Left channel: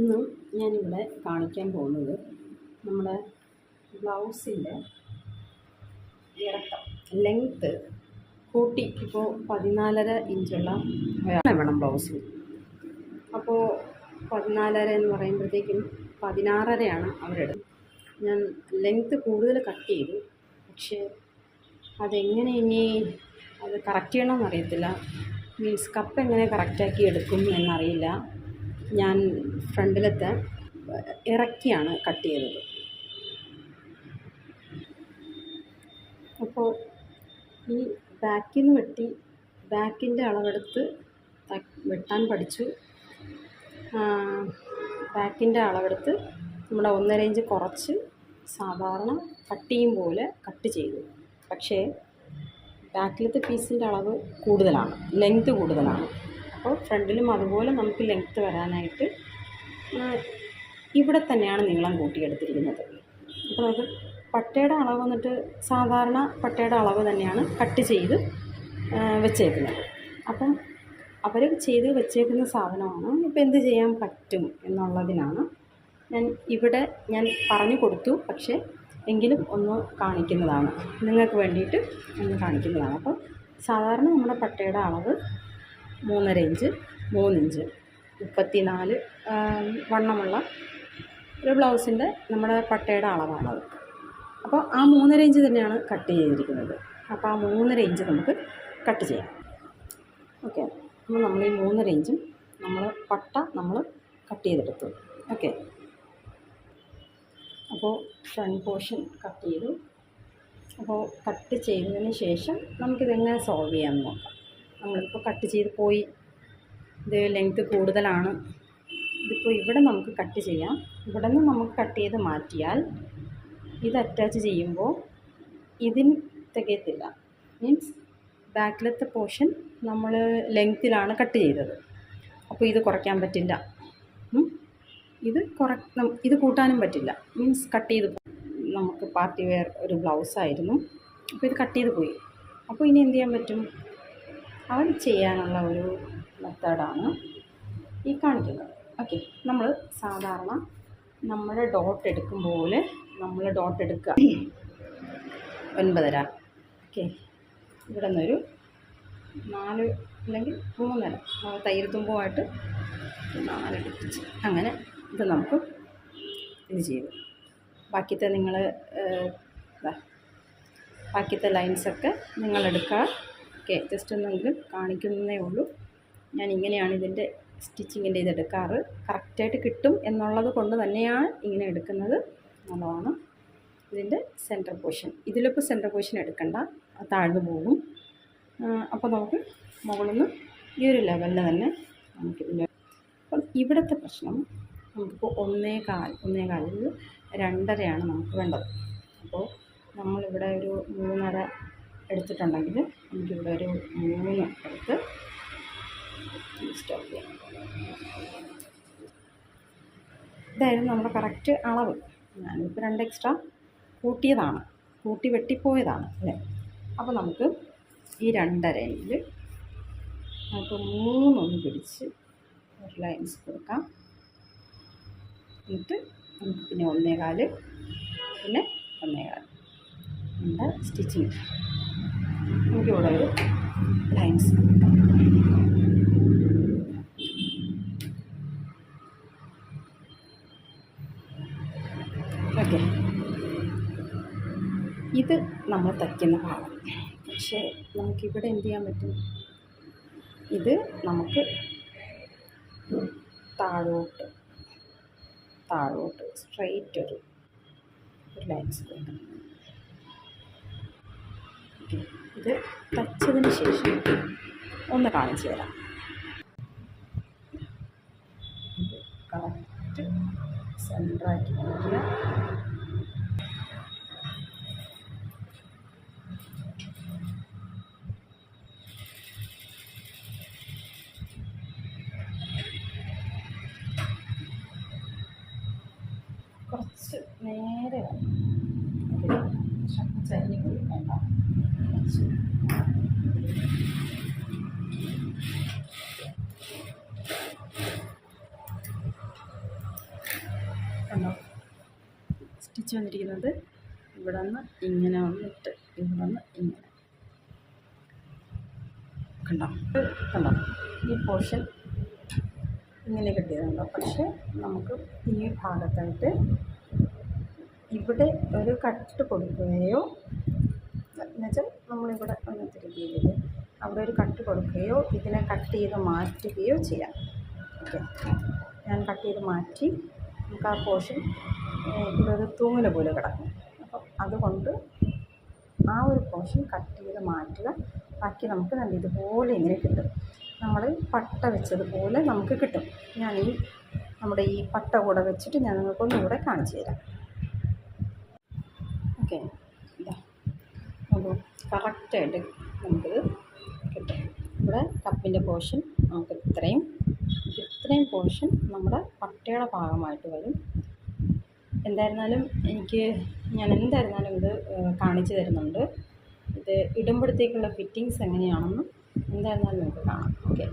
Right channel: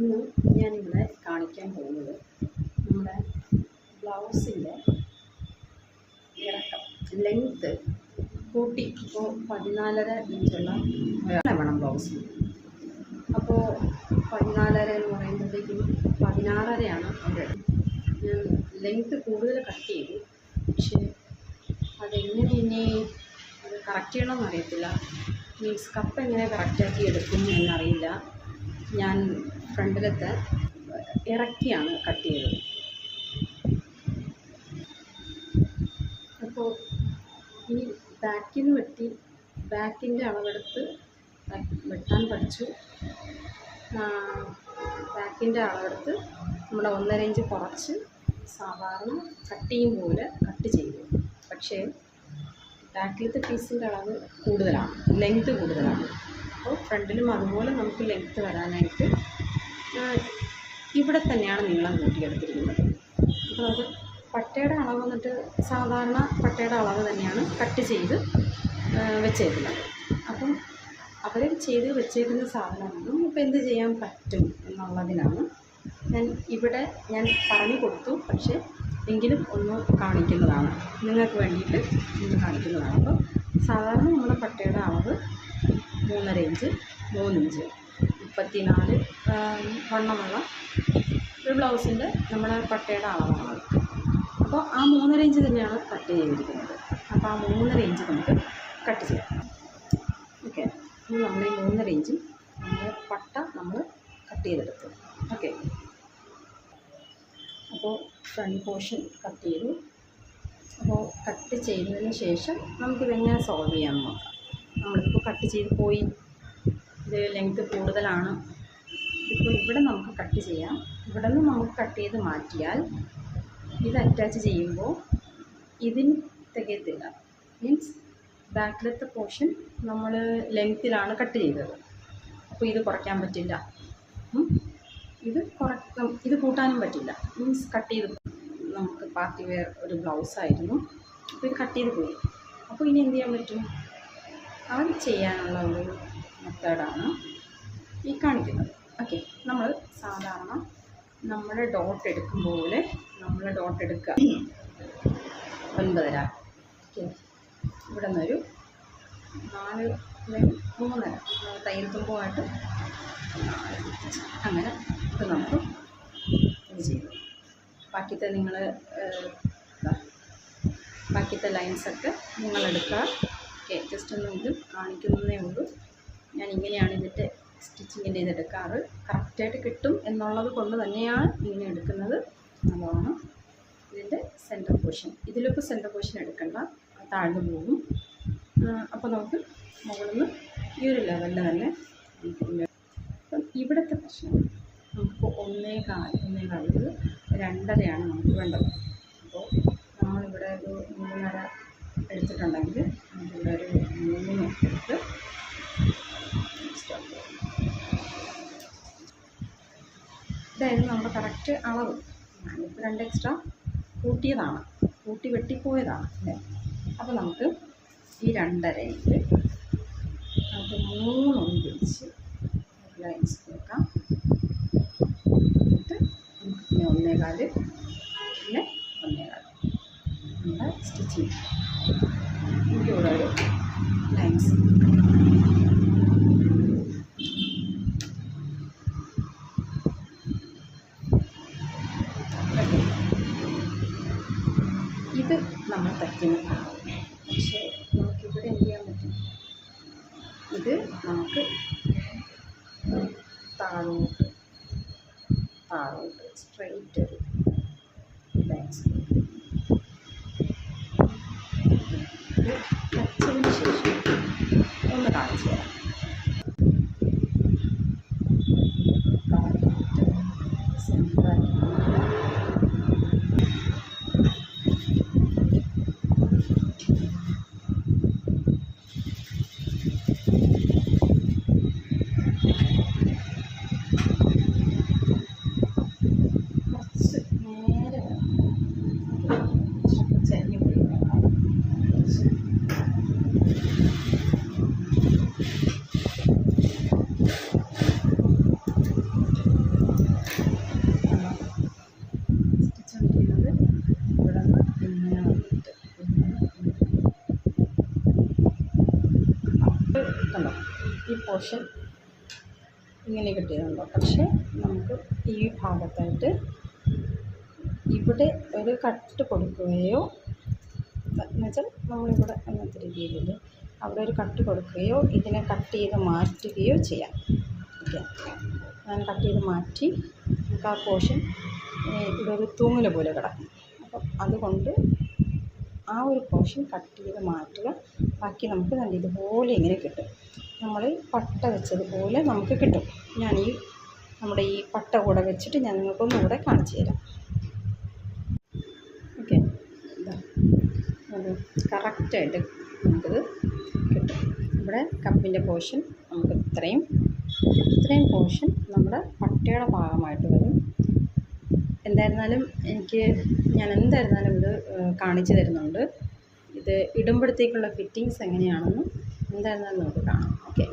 ഇന്ന് ഞാനിവിടെ കാണിക്കാൻ പോകുന്നത് നമ്മുടെ ബ്ലൗസിൻ്റെ ഇറക്കം ലെങ്ത്ത് കൂട്ടി. ഇപ്പോൾ 14.5 ഇഞ്ചുള്ള വേണം ബ്ലൗസിന്. അപ്പോൾ 14.5 എന്ന് പറയുമ്പോഴത്തേക്കും 16.5 അവരുടെ. ഞാൻ ലെങ്ത്ത് കൂടുതൽ കട്ട് ചെയ്തു, പക്ഷേ അതെങ്ങനെ ഇനി അത് കറക്റ്റ് ചെയ്യണമെന്ന് അറിയത്തില്ല. മീൻസ് കപ്പ് എങ്ങനെ കറക്റ്റാക്കി എടുക്കും എന്നറിയില്ല. ഞാൻ ഫ്രണ്ടിലത്തെ ഇറക്കിയാണ് കട്ട് ചെയ്തത്. അപ്പോൾ ഈ ബാക്കിൽ നിന്ന് വെട്ടി ബാക്കിൻ്റെ അളവെടുത്ത് വെട്ടാൻ പഠിച്ചു. ബാക്കിൻ്റെ അളവെടുത്ത് നമ്മുടെ 1.5 ഇഞ്ച് കുറച്ച് സാധാരണ കട്ട് ചെയ്യും പോലെ കട്ട് ചെയ്തു. പക്ഷേ ബാക്കിലത്തെ പീസിൻ്റെ അളവ് കൂടുതലാണ്, ലെങ്ത്ത് കൂടുതലാണ്. അപ്പോൾ ഫ്രണ്ടിലും അതുപോലെ നമുക്ക് ലെങ്ത്ത് വരാനായിട്ട് ഇവിടെ തന്നെയാണ് നീളം കൂട്ടിയെടുത്തിരിക്കുന്നത്. അപ്പോൾ നമുക്ക് പട്ടയുടെ അളവ് വന്നിട്ട് സാധാരണ പട്ടയുടെ അളവ് തന്നെയാണ് കട്ട് ചെയ്ത് വെച്ചേക്കുന്നത്. അപ്പം അവർ ചെയ്ത് വെച്ചേക്കുന്ന സാധനമാണ്. ഇപ്പോൾ എന്ത് ചെയ്യാൻ പറ്റും എന്നുള്ളതിനാണ് ഞാൻ പറഞ്ഞു കൊടുത്തു. പക്ഷേ എങ്കിലും ഒന്ന് കാണിക്കുന്നതാണ്, നിങ്ങൾക്ക് വേണ്ടിയിട്ട് ഒന്ന് കാണിക്കുന്നതാണ്. അപ്പം സാധാരണ നമ്മുടെ പട്ടയുടെ അളവ് 3.5 ഇഞ്ച് 3 ഇഞ്ച് 34 വണ്ണമുള്ള ഒരു ബ്ലൗസിൻ്റെ നമ്മുടെ പട്ടയുടെ അളവാണത്. അപ്പോൾ ആ 3.5 ഇഞ്ച് തന്നെയാണ് കട്ട് ചെയ്തിരിക്കുന്നത്. അപ്പോൾ ആ 3.5 ഇഞ്ച് നമുക്ക് കട്ട് ചെയ്യാം. ഓക്കെ, അപ്പോൾ നമ്മൾ ഈ 3.5 ഇഞ്ചും പട്ട കട്ട് ചെയ്തെടുത്തു. ഓക്കെ, അപ്പോൾ ഫ്രണ്ട് പോർഷൻ കട്ട് ചെയ്തു. അപ്പോൾ കട്ട് ചെയ്തതിന് ശേഷം നമുക്കിതെങ്ങനെ സോൾവ് ചെയ്യാമെന്ന് നോക്കാം. നമ്മളിപ്പോൾ കട്ട് ചെയ്ത് പോയി, ഇത് ലെങ്ത്ത് കൂടുതലാണ്. ഇതിപ്പോൾ ഇവിടെ നമുക്ക് കട്ട് ചെയ്യാം. ഇവിടെ നിന്ന് നമുക്ക് കട്ട് ചെയ്ത് മാറ്റിയാൽ ഇത് അറ്റാച്ച് ചെയ്യുമ്പോൾ ഇതിന് തികയത്തില്ല. മീൻസ് ബാക്കിലത്തെ പോർഷൻ നമ്മൾ ലെങ്ത്തിലാണ് കട്ട് ചെയ്തത്. അപ്പോൾ ഇത് കുറയ്ക്കാൻ പറ്റില്ല, ഇത് കൂട്ടാനും പറ്റില്ല. മീൻസ് കട്ട് ചെയ്ത് നമുക്ക് പാർട്ടി വെയർ ഒരു ബ്ലൗസായിരുന്നു. അപ്പോൾ ഇത് കട്ട് ചെയ്ത് പോയി. അപ്പോൾ ഇനി എന്ത് ചെയ്യാൻ പറ്റും? അവർ ചെയ്യാനുള്ള ഒരു മെത്തേഡാണ് ഈ കാണിക്കുന്നത്. ഓക്കെ, നമ്മൾ സാധാരണ നമ്മുടെ ഡോട്ട് എടുക്കും പോലെ നമ്മൾ ഡോട്ട് എടുക്കുക. 9.5. ഓക്കെ, ഇവിടെ നിന്നൊരു 4 അല്ലെങ്കിൽ 3.5 തയ്യൽ തുമ്പുമായിട്ട് 4 അങ്ങനെ ഇത് നമുക്ക് ഇത് ചെയ്തു. ബാക്കിയത്തെ ലൈൻസൊക്കെ നിങ്ങളെടുക്കുക. ഓക്കെ, ജസ്റ്റ് ഒന്നെങ്കിലും കാണിക്കുന്നതേ ഉള്ളൂ. ഞാൻ ഇങ്ങനെയാണ് ഇതിൻ്റെ സ്റ്റിച്ചിങ്ങിൻ്റെ ഇതെടുക്കാറ്. കറക്റ്റായിട്ട് കിട്ടും എന്നുള്ളത് കൊണ്ട് തന്നെയാണ് ഇങ്ങനെ എടുക്കുന്നത്. നല്ലതാണ്. ഇതിൻ്റെ സെൻറ്റർ പോർഷൻ, ഇതിലിപ്പോൾ സെൻറ്റർ പോർഷൻ എടുക്കണ്ട, താഴ്ന്നു പോകും. അപ്പോൾ നമുക്ക് മുകളിൽ നിന്ന് ഈ ഒരു ലെവലിൽ തന്നെ നമുക്കിതിൻ്റെ. അപ്പം ഇവിടുത്തെ പ്രശ്നം നമുക്കിപ്പോൾ 1.25 2.5 നമുക്ക് വേണ്ടത്. അപ്പോൾ നമ്മളിവിടെ ഒരു 3.5 എടുത്തിട്ടുണ്ടെങ്കിൽ നമുക്കിവിടെ ഒരു 3 എടുത്ത് സ്റ്റോപ്പ് ചെയ്യാം. ഇതായിരുന്നു നമ്മുടെ കറക്റ്റ് അളവ്. ഞാനിപ്പോൾ 2 എക്സ്ട്രാ കൂട്ടിയതാണ്, കൂട്ടി വെട്ടിപ്പോയതാണ് അല്ലേ. അപ്പോൾ നമുക്ക് ഈ 2.5 നമുക്ക് 3 പിടിച്ച് ഒരു ലൈൻസ് കൊടുക്കാം. എന്നിട്ട് നമുക്ക് പിന്നെ 1.25 പിന്നെ 1.25 നമ്മുടെ സ്റ്റിച്ചിങ്. നമുക്കിവിടെ ഒരു ലൈൻസ് ഓക്കെ. ഇത് നമ്മൾ തയ്ക്കുന്ന ഭാഗം. പക്ഷേ നമുക്കിവിടെ എന്ത് ചെയ്യാൻ പറ്റും? ഇത് നമുക്ക് താഴോട്ട് സ്ട്രെയിറ്റ് ഒരു ലൈൻസ് കൊടുക്കണം. ഇത് തയ്ച്ചതിന് ശേഷം ഒന്ന് കാണിച്ചു തരാം. കറക്റ്റ് സെൻറ്ററാക്കി നോക്കുക. കുറച്ച് നേരെ ചരിഞ്ഞ് പോയി പോർഷൻ ഇങ്ങനെ കിട്ടിയതുണ്ടോ. പക്ഷേ നമുക്ക് ഈ ഭാഗത്തായിട്ട് ഇവിടെ ഒരു കട്ട് കൊടുക്കുകയോ, എന്നുവെച്ചാൽ നമ്മളിവിടെ അങ്ങനത്തെ രീതിയിൽ അവിടെ ഒരു കട്ട് കൊടുക്കുകയോ ഇതിനെ കട്ട് ചെയ്ത് മാറ്റുകയോ ചെയ്യാം. ഓക്കെ, ഞാൻ കട്ട് ചെയ്ത് മാറ്റി. നമുക്ക് ആ പോർഷൻ ഇവിടെ ഒരു തൂങ്ങൽ പോലെ കിടക്കും. അപ്പം അതുകൊണ്ട് ആ ഒരു പോർഷൻ കട്ട് ചെയ്ത് മാറ്റുക. ബാക്കി നമുക്ക് നല്ല ഇതുപോലെ ഇങ്ങനെ കിട്ടും. നമ്മൾ പട്ട വെച്ചതുപോലെ നമുക്ക് കിട്ടും. ഞാൻ നമ്മുടെ ഈ പട്ട കൂടെ വെച്ചിട്ട് ഞാൻ നിങ്ങൾക്കൊന്നുകൂടെ കാണിച്ചു തരാം. ഓക്കെ, ഇതാ നോക്കൂ, കറക്റ്റായിട്ട് നമുക്കിത് കിട്ടും. ഇവിടെ കപ്പിൻ്റെ പോർഷൻ നമുക്ക് ഇത്രയും പോർഷൻ നമ്മുടെ പട്ടയുടെ ഭാഗമായിട്ട് വരും. എന്തായിരുന്നാലും ഞാൻ എന്തായിരുന്നാലും ഇത് കാണിച്ചു തരുന്നുണ്ട്. ഇത് ഇടുമ്പോഴത്തേക്കുള്ള ഫിറ്റിങ്സ് എങ്ങനെയാണെന്നും എന്തായിരുന്നാലും നമുക്ക് കാണാം. ഓക്കെ.